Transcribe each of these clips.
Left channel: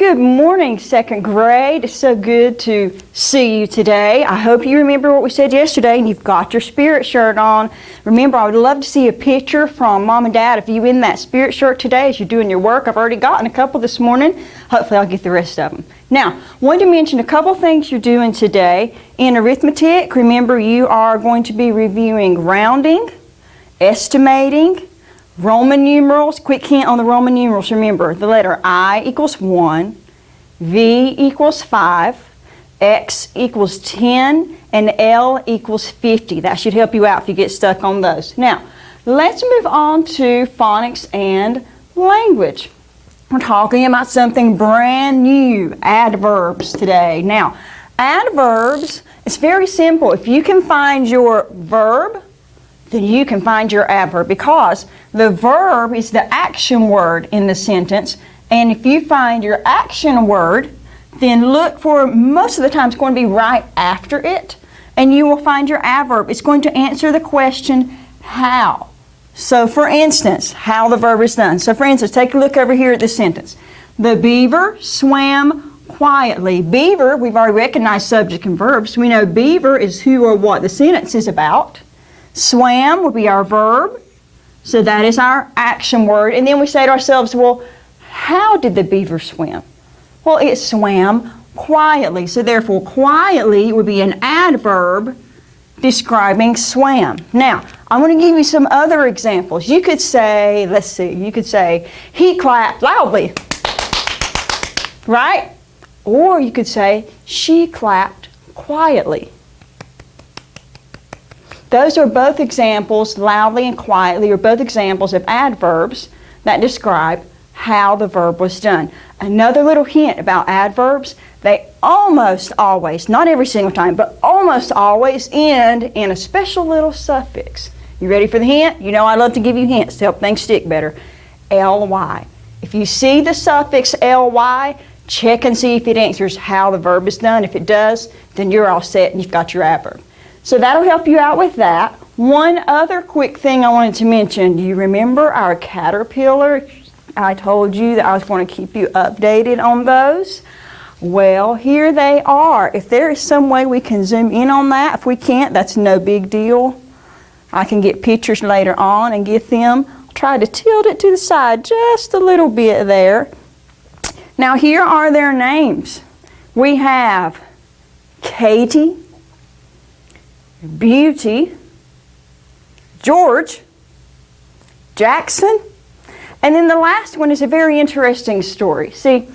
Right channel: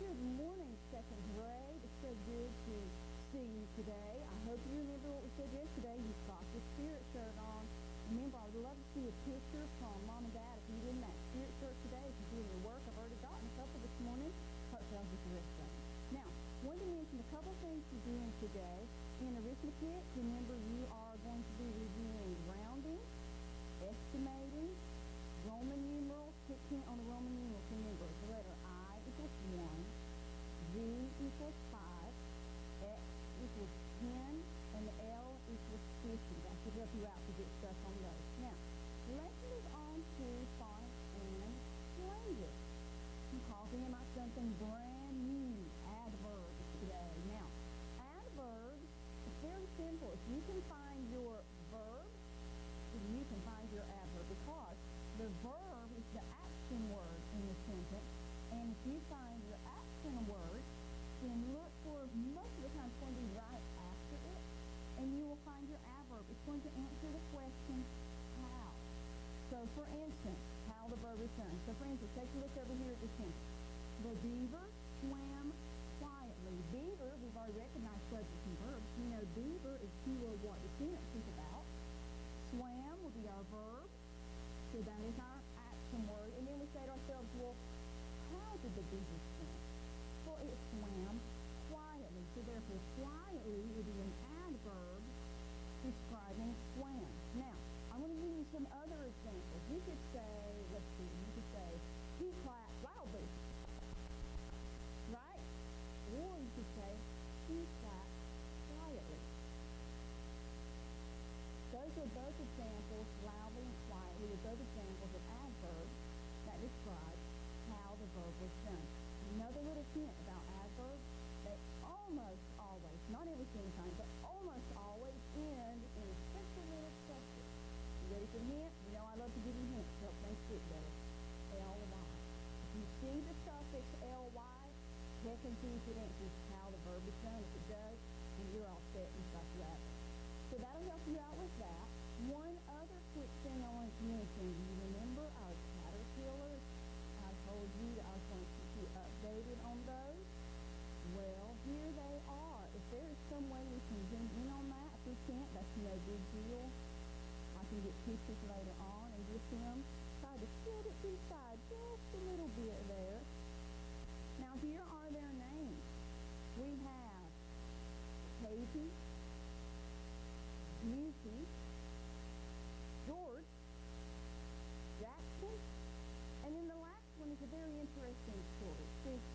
Good morning, second grade. It's so good to see you today. I hope you remember what we said yesterday and you've got your spirit shirt on. Remember, I would love to see a picture from Mom and Dad of you in that spirit shirt today as you're doing your work. I've already gotten a couple this morning. Hopefully I'll get the rest of them. Now, I wanted to mention a couple things you're doing today. In arithmetic, remember you are going to be reviewing rounding, estimating, Roman numerals. Quick hint on the Roman numerals. Remember, the letter I equals 1, V equals 5, X equals 10, and L equals 50. That should help you out if you get stuck on those. Now, let's move on to phonics and language. We're talking about something brand new, adverbs today. Now, adverbs, it's very simple. If you can find your verb, then you can find your adverb, because the verb is the action word in the sentence, and if you find your action word, then look for, most of the time it's going to be right after it, and you will find your adverb. It's going to answer the question, how. So for instance, how the verb is done. So for instance, take a look over here at this sentence. The beaver swam quietly. Beaver, we've already recognized subject and verbs. We know beaver is who or what the sentence is about. Swam will be our verb, so that is our action word. And then we say to ourselves, well, how did the beaver swim? Well, it swam quietly, so therefore quietly would be an adverb describing swam. Now, I'm going to give you some other examples. You could say, let's see, you could say, he clapped loudly, right? Or you could say, she clapped quietly. Those are both examples, loudly and quietly, are both examples of adverbs that describe how the verb was done. Another little hint about adverbs, they almost always, not every single time, but almost always end in a special little suffix. You ready for the hint? You know I love to give you hints to help things stick better. ly. If you see the suffix ly, check and see if it answers how the verb is done. If it does, then you're all set and you've got your adverb. So that'll help you out with that. One other quick thing I wanted to mention. Do you remember our caterpillar? I told you that I was going to keep you updated on those. Well, here they are. If there is some way we can zoom in on that, if we can't, that's no big deal. I can get pictures later on and get them. I'll try to tilt it to the side just a little bit there. Now here are their names. We have Katie, Beauty, George, Jackson, and then the last one is a very interesting story. See,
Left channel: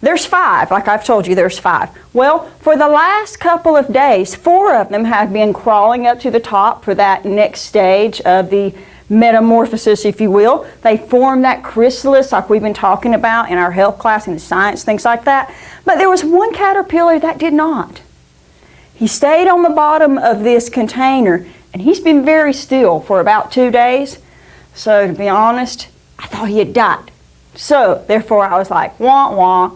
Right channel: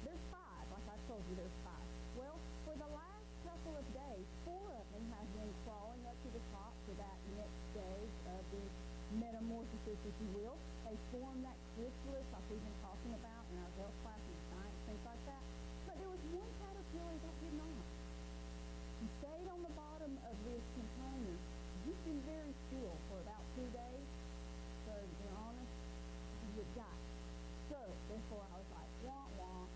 there's 5, like I've told you, there's 5. Well, for the last couple of days, 4 of them have been crawling up to the top for that next stage of the metamorphosis, if you will. They form that chrysalis like we've been talking about in our health class and science, things like that. But there was one caterpillar that did not. He stayed on the bottom of this container, and he's been very still for about 2 days. So to be honest, I thought he had died. So therefore I was like, wah, wah.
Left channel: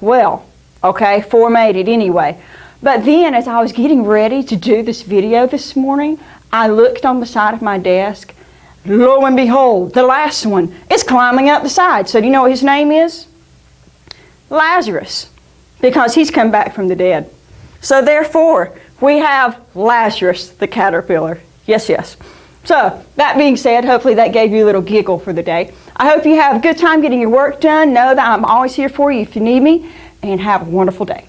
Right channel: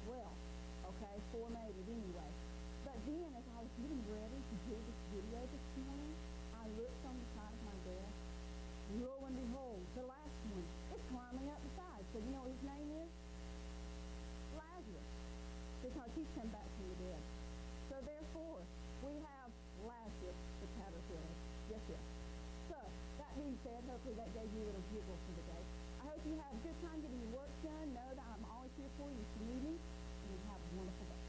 Well, okay, 4 made it anyway. But then as I was getting ready to do this video this morning, I looked on the side of my desk. Lo and behold, the last one is climbing up the side. So do you know what his name is? Lazarus, because he's come back from the dead. So therefore, we have Lazarus the caterpillar. Yes, yes. So, that being said, hopefully that gave you a little giggle for the day. I hope you have a good time getting your work done. Know that I'm always here for you if you need me, and have a wonderful day.